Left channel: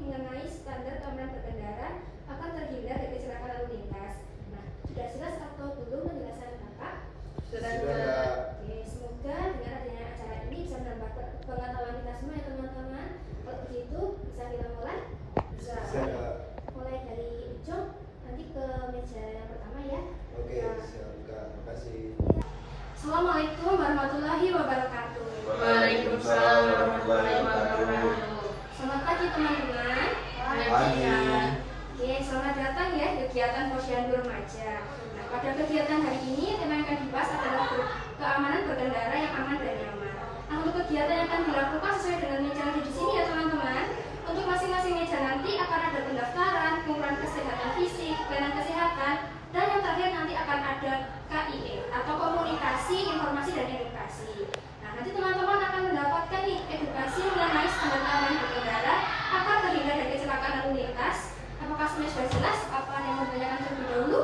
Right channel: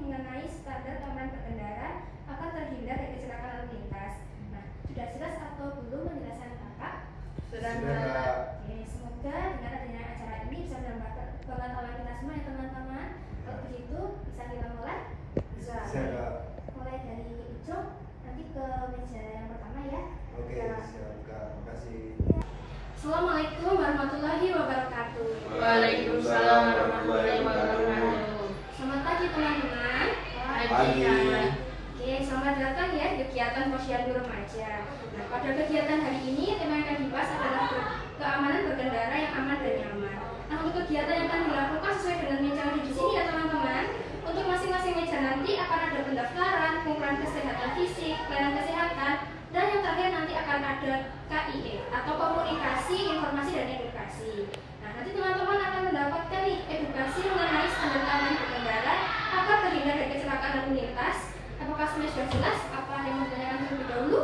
mengenai standar keamanan berkendara akan terhindar dari kecelakaan lalu lintas. Nah, sudah jelas atau belum penjelasan Kakak? Sudah. Oke, semoga dengan adanya acara ini bisa menambah pengetahuan kita semua ya teman-teman. Kalau begitu, bisa kita mulai? Bisa. Mulai dari ujung, nanti ke meja yang pertama ya. Oke, siap Kak. Makasih. Assalamualaikum warahmatullahi wabarakatuh. Waalaikumsalam warahmatullahi wabarakatuh. Selamat pagi teman-teman. Pagi. Oke, selamat datang ya di kegiatan Posyandu Remaja. Nah, pada kegiatan hari ini tema yang akan dibahas adalah keamanan berkendara yang aman dan nyaman. Nah, untuk kegiatan yang akan dilakukan sesuai dengan meja yang di sini ya teman-teman. Untuk masing-masing meja nanti akan ada pendaftaran, pengukuran kesehatan fisik, pelayanan kesehatan, dan yang terakhir nanti akan ada KIE atau komunikasi, informasi dan edukasi. Nah, nanti teman-teman akan mendapatkan nih edukasi mengenai standar keamanan berkendara agar terhindar dari kecelakaan lalu lintas. Apakah semuanya sudah jelas? Apa yang mau ditanyakan terlebih dahulu?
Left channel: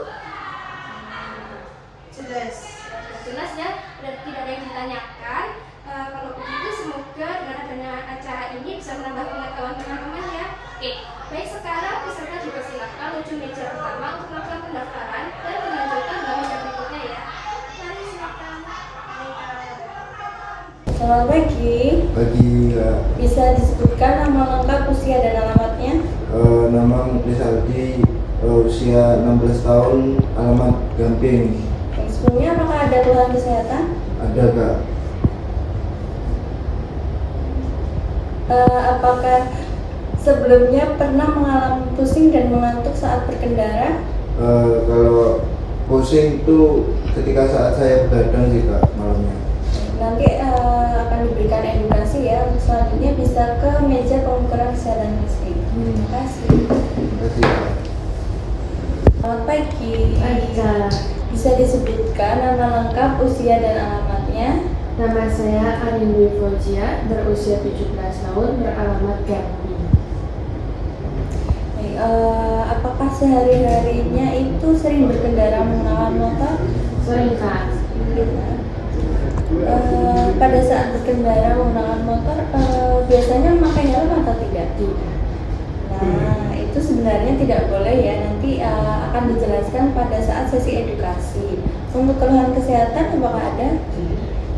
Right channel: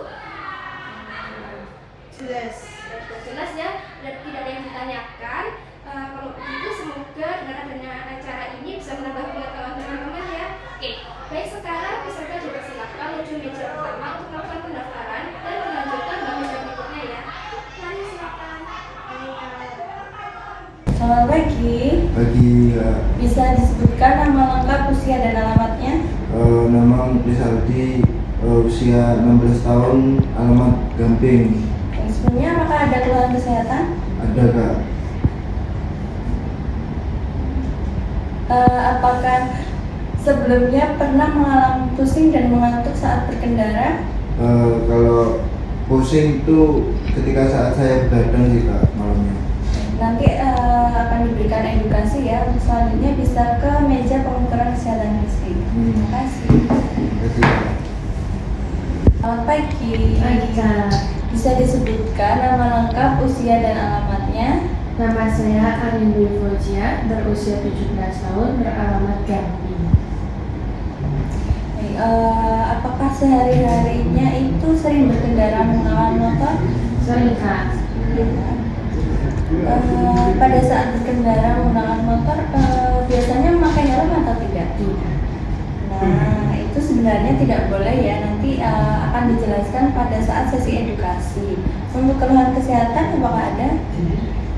Jelas. Sudah jelas ya, dan tidak ada yang ditanyakan. Kalau begitu semoga dengan adanya acara ini bisa menambah pengetahuan teman-teman ya. Oke, baik sekarang peserta dipersilakan menuju meja pertama untuk melakukan pendaftaran dan dilanjutkan dengan meja berikutnya ya. Mari silakan. Selamat pagi. Pagi ya. Bisa disebutkan nama lengkap, usia dan alamatnya? Nama Rizaldi, usia 16 tahun, alamat Gamping. Sebelumnya apakah ada keluhan kesehatan? Ada Kak. Apakah sebelumnya pernah mengalami pusing dan mengantuk saat berkendara? Kalau pusing itu ketika saat saya begadang sih Kak malamnya. Nanti akan diberikan edukasi ya. Selanjutnya bisa ke meja pengukuran kesehatan fisik. Terima kasih. Terima kasih Kak. Selamat pagi. Pagi Kak. Bisa disebutkan nama lengkap, usia dan alamatnya? Nama saya Arin Dwi Fauzia, berusia 17 tahun, beralamat Gamping. Baik, apakah sehari-harinya itu sering berkendara menggunakan motor? Sering Kak. Pada saat berkendara menggunakan motor, biasanya memakai helm atau tidak? Tidak. Nah, itu sebenarnya tidak boleh ya. Nanti akan dijelaskan pada saat sesi edukasi. Untuk keluhan kesehatan, apakah ada?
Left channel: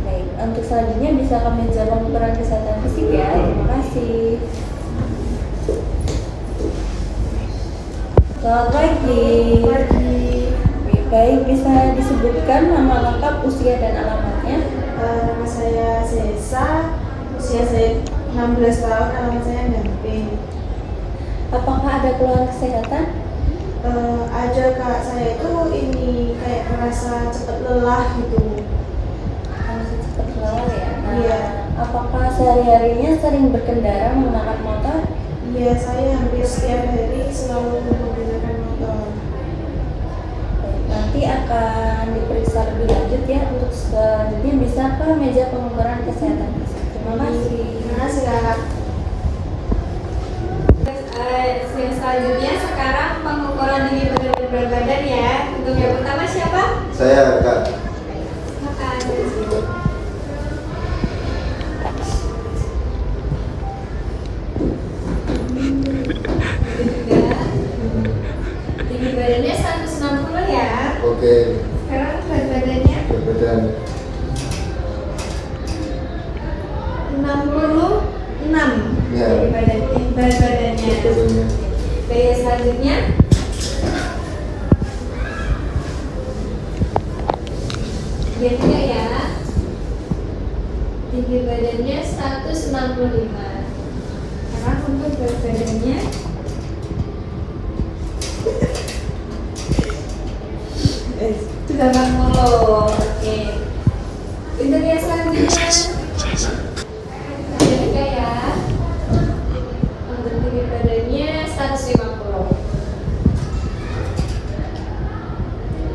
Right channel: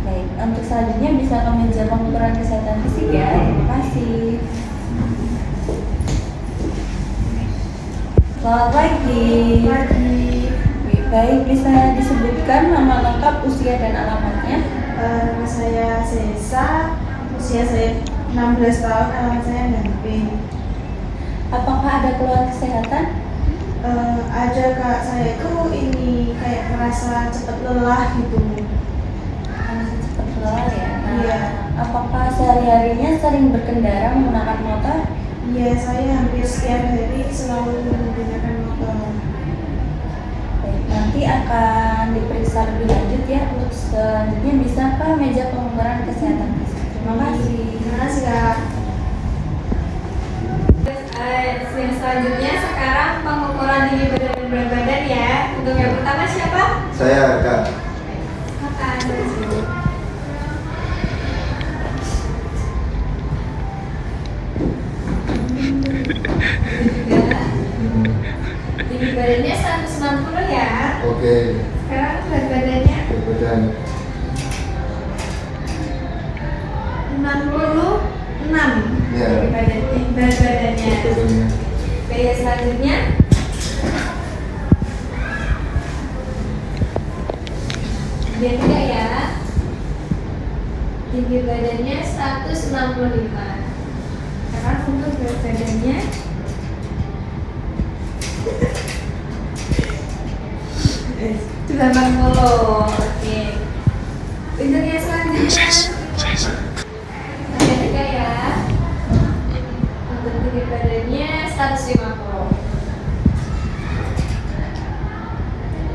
Baik, untuk selanjutnya bisa ke meja pengukuran kesehatan fisik ya. Terima kasih. Selamat pagi. Baik, bisa disebutkan nama lengkap, usia dan alamatnya? Nama saya Sesa, usia saya 16 tahun, alamat saya Gamping. Apakah ada keluhan kesehatan? Ada Kak, saya itu ini kayak merasa cepat lelah gitu. Cepat lelah ya? Iya. Apakah sehari-harinya sering berkendara menggunakan motor? Iya, saya hampir setiap hari selalu menggunakan motor. Baik, nanti akan diperiksa lebih lanjut ya. Untuk selanjutnya bisa ke meja pengukuran kesehatan fisik. Terima kasih. Terima kasih Kak. Yang selanjutnya sekarang pengukuran tinggi badan dan berat badan ya. Untuk yang pertama siapa? Saya Kak. Makan dari sini. Tinggi badannya 160 ya. Oke. Sekarang berat badannya Kemudian 66. ya. Berat badannya. Kemudian Gaya selanjutnya dia juga ya. Tinggi badannya 165. Sekarang untuk berat badannya 80. Oke. Untuk yang selanjutnya dia juga ya. Untuk tinggi badannya 150.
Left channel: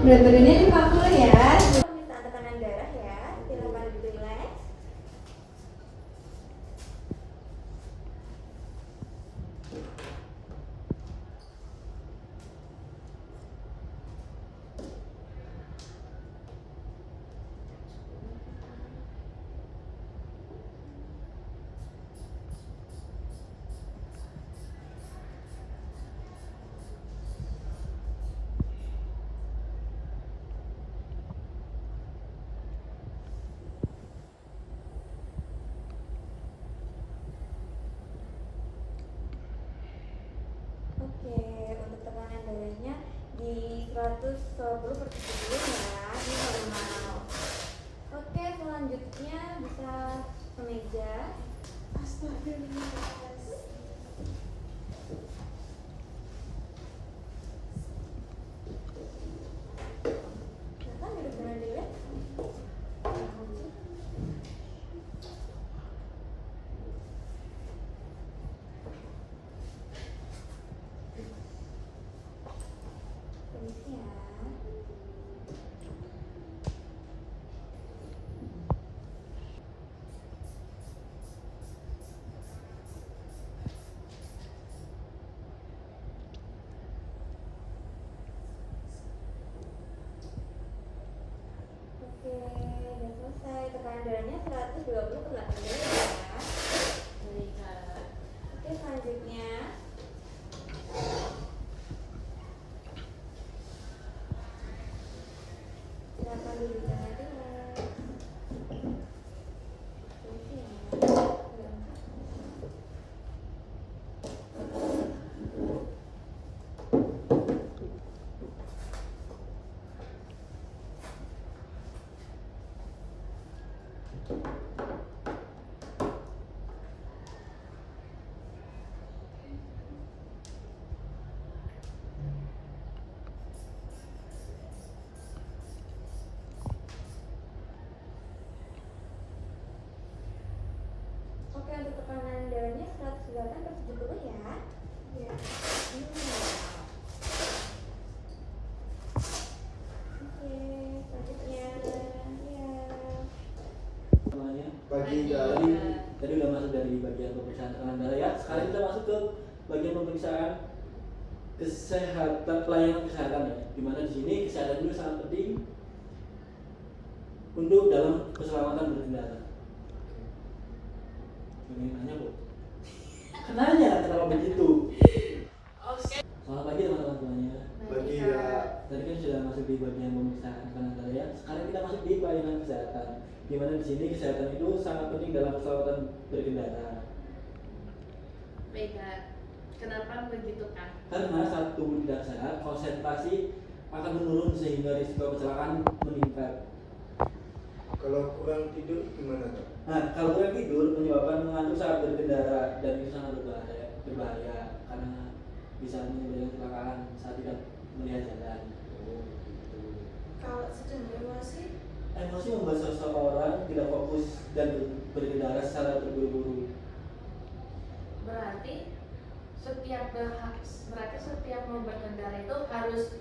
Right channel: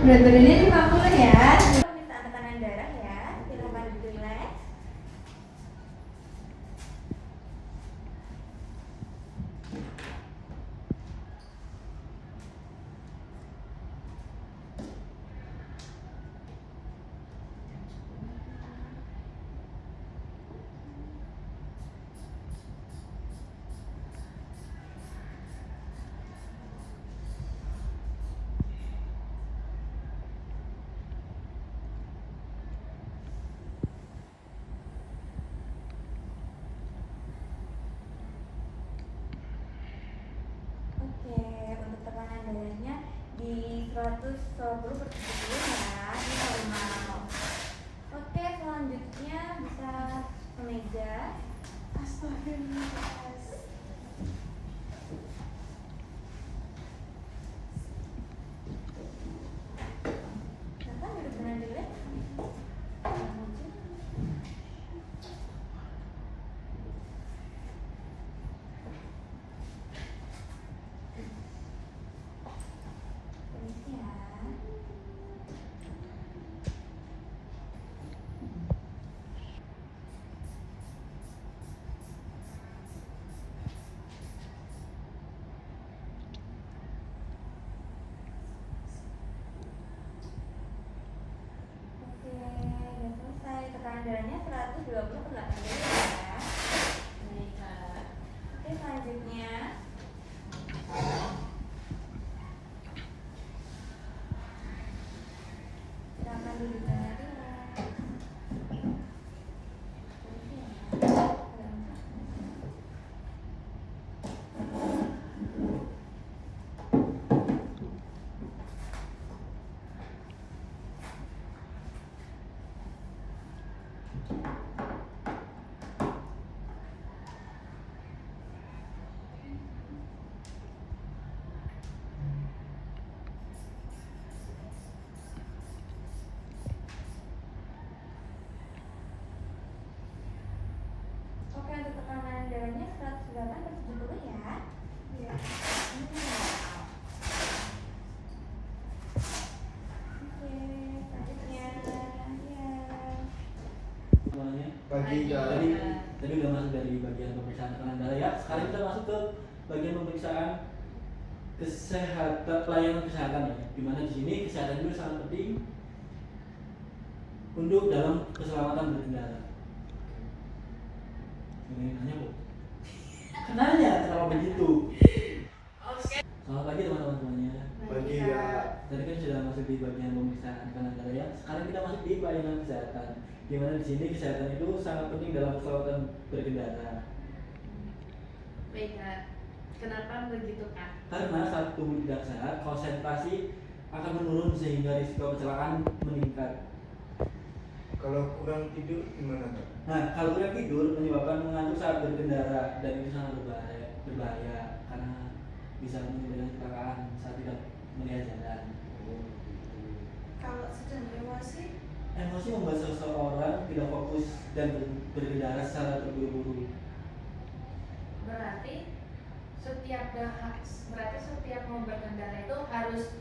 Berat badannya 50 ya. Minta tekanan darah ya. Silakan relax. di 120/70 ya, ini normal. Oke, selanjutnya bisa kemeja. Astagfirullah. Silakan duduk dengan dulu ya. Permisi ya. Oke, udah selesai. Tekanan darahnya 120/80 ya. Baik, Kak. Oke, selanjutnya silakan duduk dengan rileks. Permisi ya. Oke, untuk tekanan darahnya 108/70 ya. Iya. Oke, selanjutnya ya. Semuanya. Pagi Kak. Tadi udah masuk dari bagian pemeriksaan tekanan darah ya. Sekarang kita masuk ke bagian pemeriksaan kesehatan, pelayanan kesehatan ya. Dimana di sini kesehatan itu sangat penting untuk dalam keselamatan berkendara. Ini nanya bu? Kenanya kenapa begitu? Selamat pagi teman-teman semuanya. Pagi Kak. Tadi kan sudah masuk di bagian pemeriksaan tekanan darah ya. Sekarang kita masuk di pelayanan kesehatan. Di mana di sini kesehatan itu sangat penting dalam keselamatan berkendara. Baik, Kak. Kenapa begitu, Kak? Karena saat tubuh tidak sehat, konsentrasi akan menurun sehingga risiko kecelakaan meningkat. Kalau kurang tidur gimana Kak? Nah, kalau kurang tidur menyebabkan mengantuk saat berkendara dan itu sangat berbahaya karena bisa menimbulkan kecelakaan saat tidak melihat jalan. Kalau sedang emosi, Emosi membuat seseorang tidak fokus dan berkendara secara terburu-buru. Berarti setiap mau berkendara itu harus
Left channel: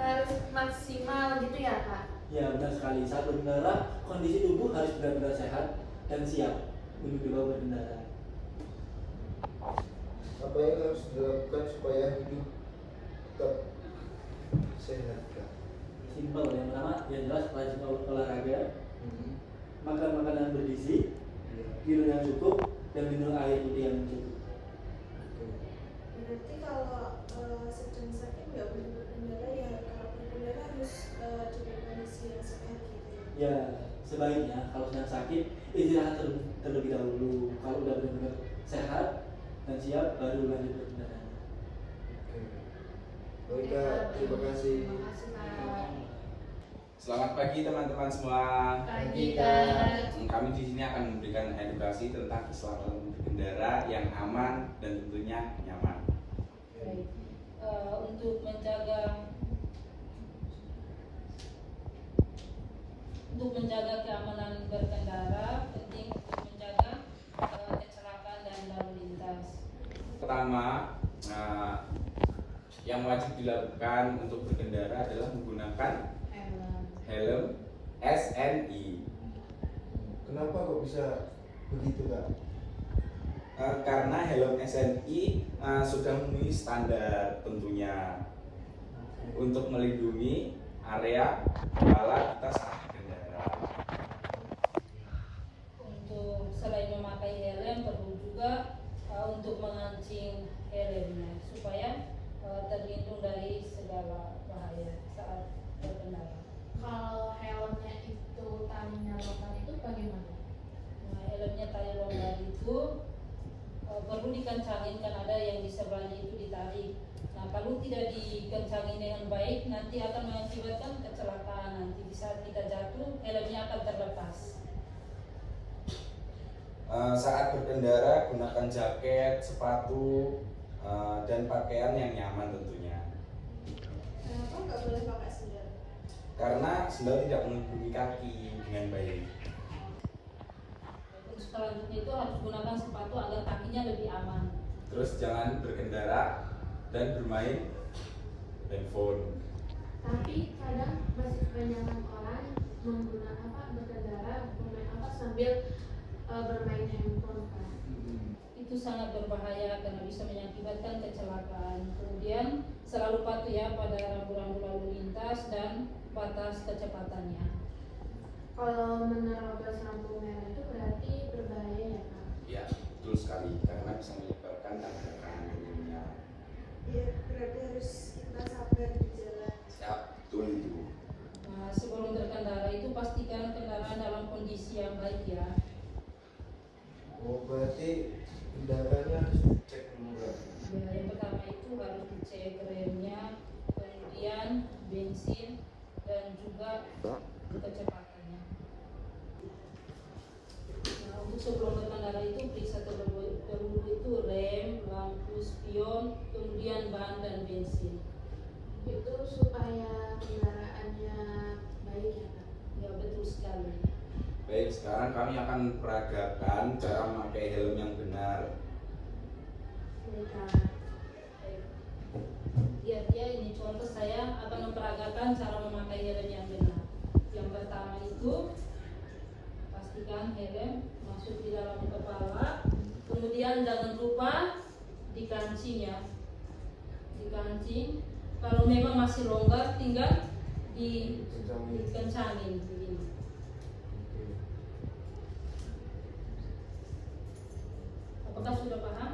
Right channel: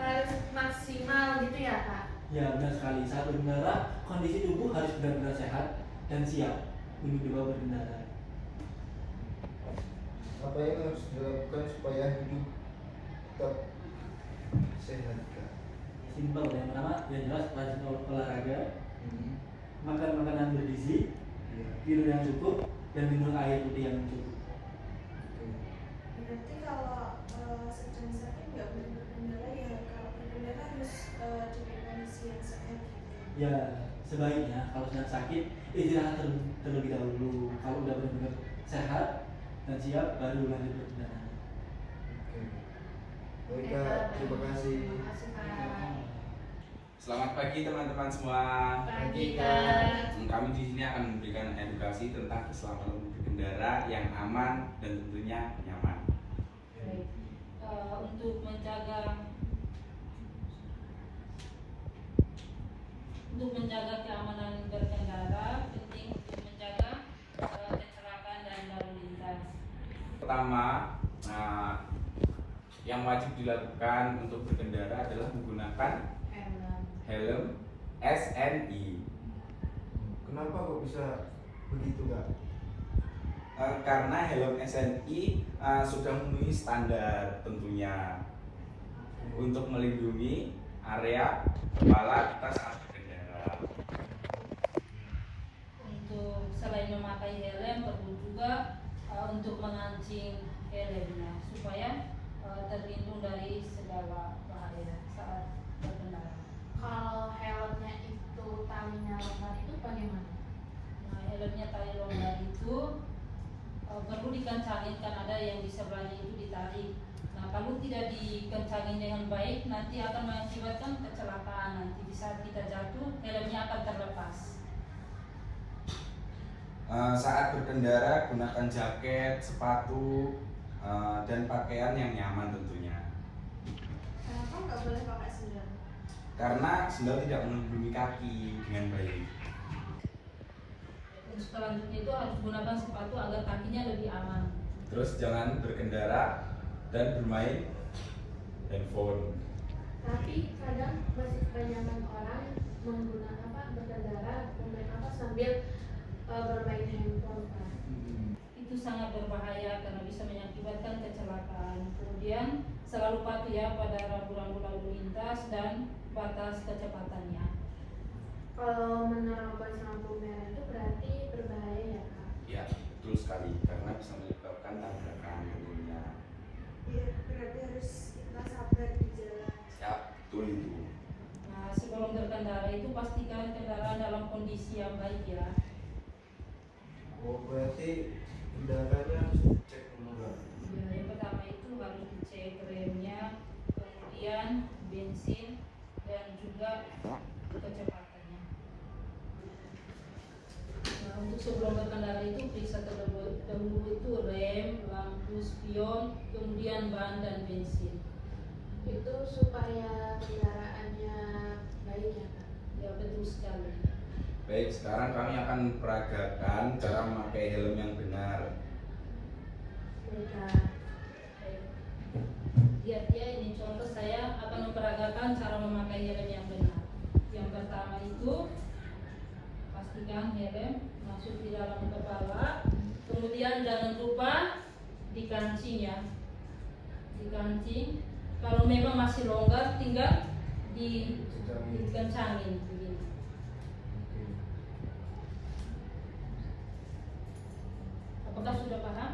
harus maksimal gitu ya, Kak? Ya benar sekali, saat berkendara kondisi tubuh harus benar-benar sehat dan siap untuk dibawa berkendara. Apa yang harus dilakukan supaya hidup tetap sehat Kak? Simpel, yang pertama yang jelas rajin olahraga, Hmm. makan makanan bergizi, Iya. tidur yang cukup, dan minum air putih yang cukup. Oke. berarti kalau sedang sakit nggak boleh berkendara ya. Kalau berkendara harus dengan kondisi yang sehat gitu. Ya sebaiknya kalau sedang sakit istirahat terlebih dahulu. Kalau udah benar-benar sehat dan siap baru lanjut berkendara. Oke. Baik Kak, terima kasih. Terima kasih, Kak. Selamat pagi teman-teman semua. Pagi, Kak. Kami di sini akan memberikan edukasi tentang keselamatan berkendara yang aman dan tentunya nyaman. Baik. Untuk menjaga keamanan berkendara, penting untuk menjaga kecelakaan dan lalu lintas. Pertama, yang wajib dilakukan untuk berkendara adalah menggunakan helm SNI. Kenapa kok bisa begitu Kak? Karena helm SNI sudah memenuhi standar tentunya untuk melindungi area kepala kita saat berkendara. Untuk selain memakai helm, perlu juga untuk mengancing helmnya supaya terlindung dari segala bahaya saat berkendara. Kalau helmnya itu talinya longgar itu bagaimana? Nah, helmnya tali longgar itu perlu dikencangin kan ada yang di sebelahnya itu ditarik. kalau tidak dikencangin dengan baik nanti akan mengakibatkan kecelakaan. Nanti di saat kita jatuh helmnya akan terlepas. Saat berkendara gunakan jaket, sepatu, dan pakaian yang nyaman tentunya. Kenapa nggak boleh pakai sendal? Karena sendal tidak melindungi kaki dengan baik. Terus selanjutnya itu harus gunakan sepatu agar kakinya lebih aman. Terus jangan berkendara dan bermain handphone. Tapi kadang masih kebanyakan orang berkendara sambil bermain handphone, Pak. Itu sangat berbahaya karena bisa mengakibatkan kecelakaan. Kemudian selalu patuh ya pada rambu-rambu lalu lintas dan batas kecepatannya. Kalau menerobos lampu merah itu berarti berbahaya ya, Kak? Ya, betul sekali karena bisa menyebabkan tabrakan dunia. Iya, berarti harus kita sabar di jalan. Ya, betul itu. Nah, sebelum berkendara itu pastikan kendaraan dalam kondisi yang baik ya. Oh, berarti kendaraannya harus dicek dulu kan? Yang pertama itu harus dicek remnya, kemudian bensin dan juga kecepatannya. Nah, untuk sebelum berkendara itu periksa terlebih dahulu itu rem, lampu spion, kemudian ban dan bensin. Itu supaya kendaraannya baik ya, Kak? Ya betul sekali. Baik, sekarang kami akan peragakan cara memakai helm yang benar. Baik. Baik. Lihat ya, ini contoh saya akan memperagakan cara memakai helm yang benar. Yang pertama itu pastikan helm masuk di dalam kepala, kemudian jangan lupa dikancing ya, dikancing. Kalau memang masih longgar tinggal dikencangin begini. Apakah sudah paham?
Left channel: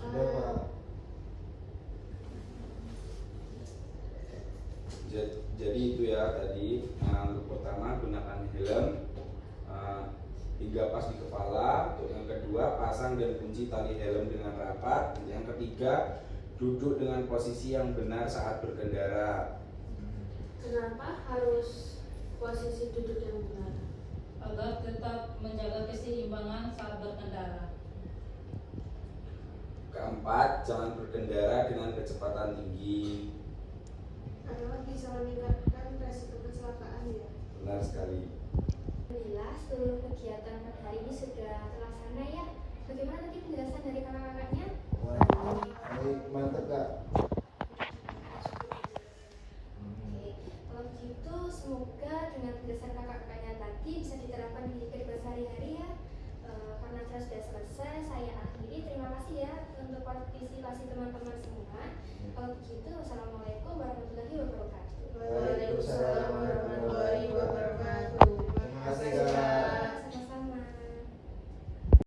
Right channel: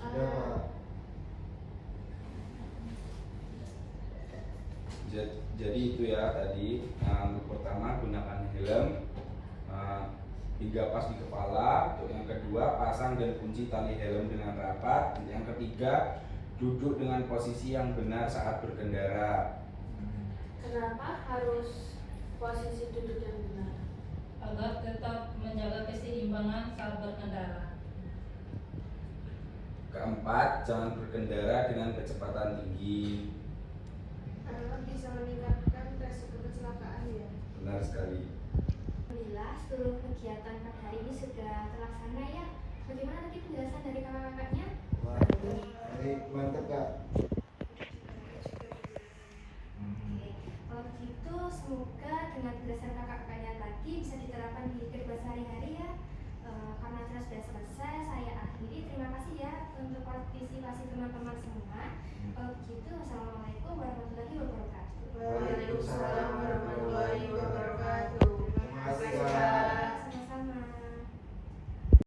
Sudah, Pak. Jadi itu ya tadi, untuk pertama gunakan helm hingga pas di kepala. Untuk yang kedua, pasang dan kunci tali helm dengan rapat. Untuk yang ketiga, duduk dengan posisi yang benar saat berkendara. Kenapa harus posisi duduk yang benar? Agar tetap menjaga keseimbangan saat berkendara. Keempat, jangan berkendara dengan kecepatan tinggi. Karena bisa meningkatkan resiko kecelakaan ya. Benar sekali. Alhamdulillah seluruh kegiatan pada hari ini sudah terlaksana ya. Bagaimana nanti penjelasan dari kakak-kakaknya? Wah, ini mantap, Kak.